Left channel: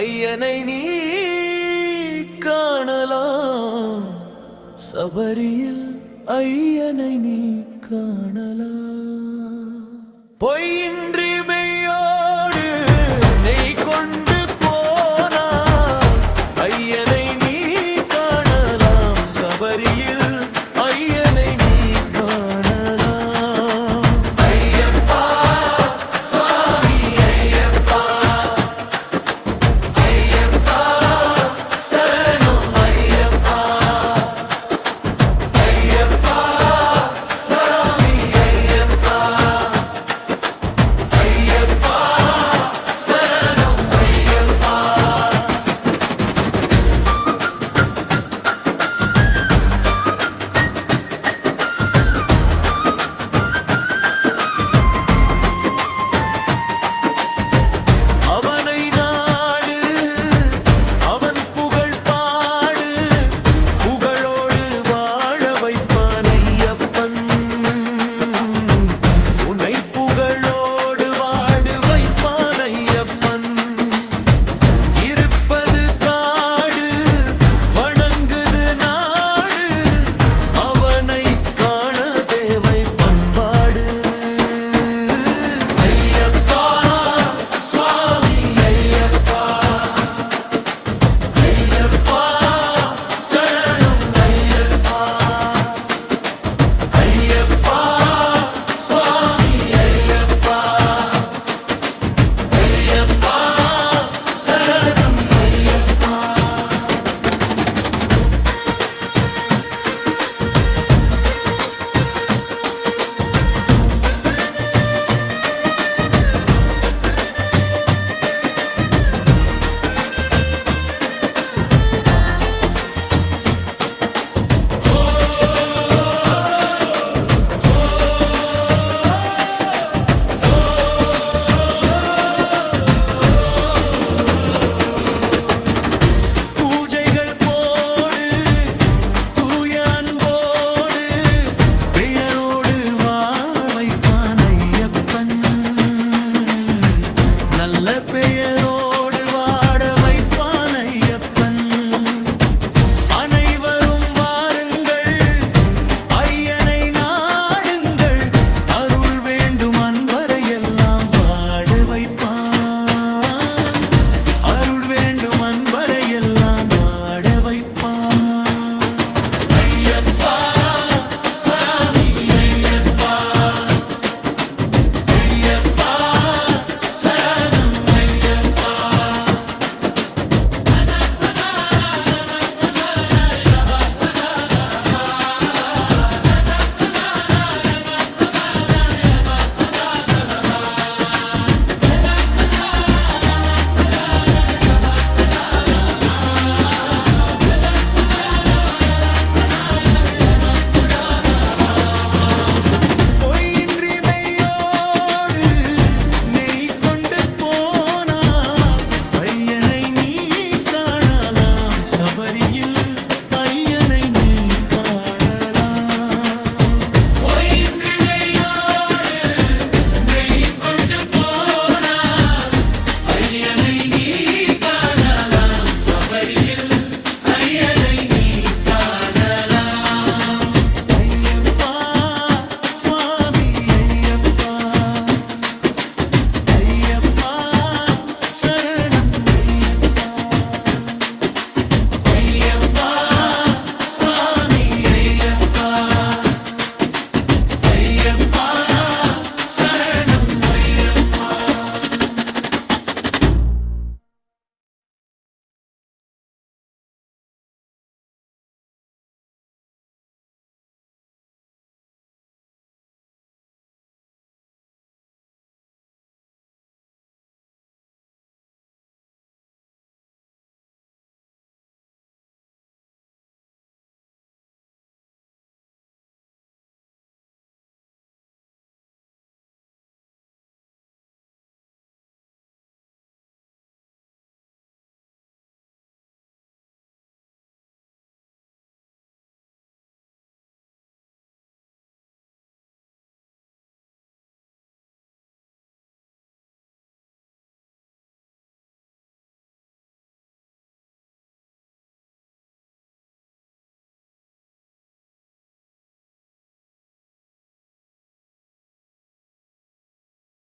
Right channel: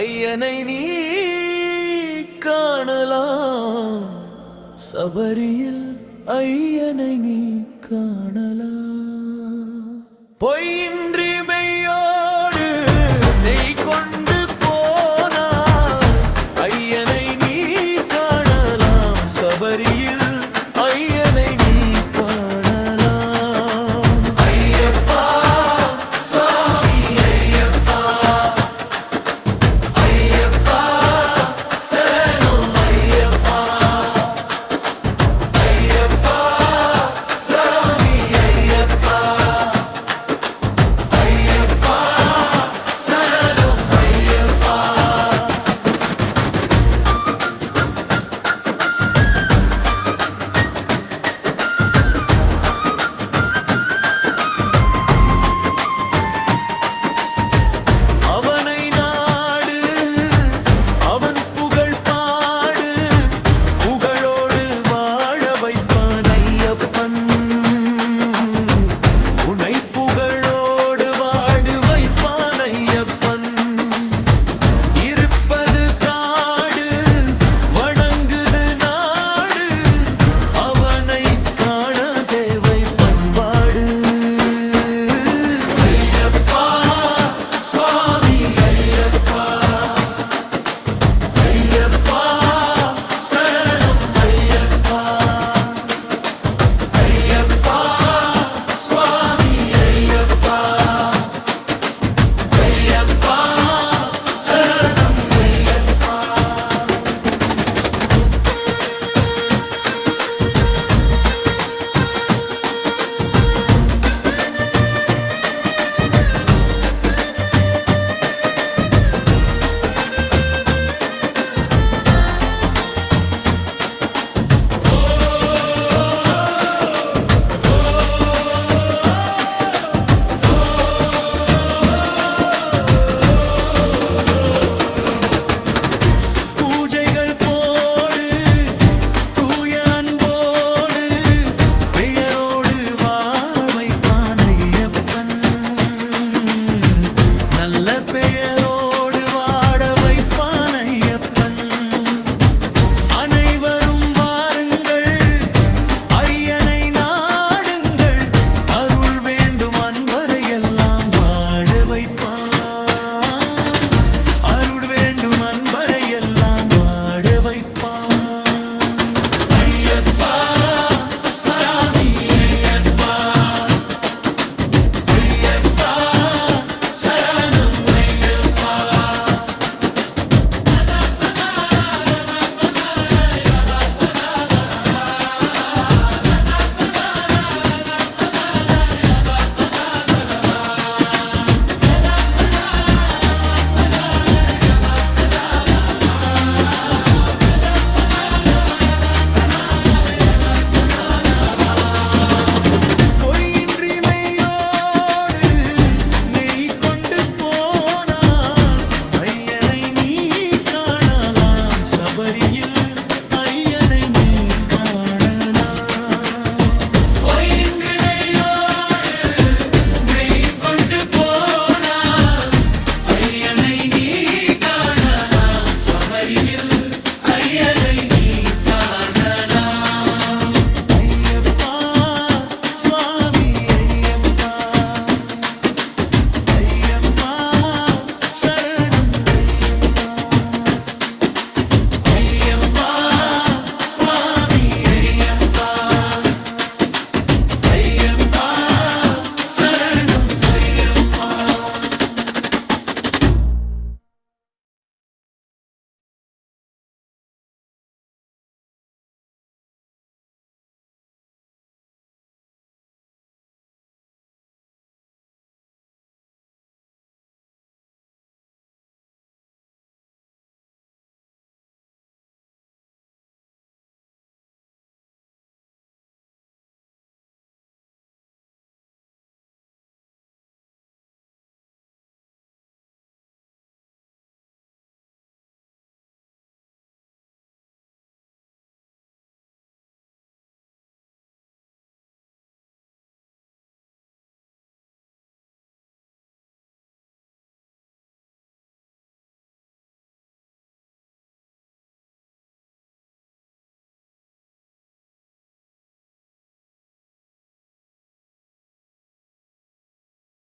ஐயனை நீ காணலாம். சபரியில் ஐயனை நீ காணலாம். பொய்யின்றி மெய்யோடு நெய் கொண்டு போனா ஐயனை நீ காணலாம். சபரியில் ஐயனை நீ காண வேண்டும் அன்பரை எல்லாம் வாழ வைப்பான். buddy you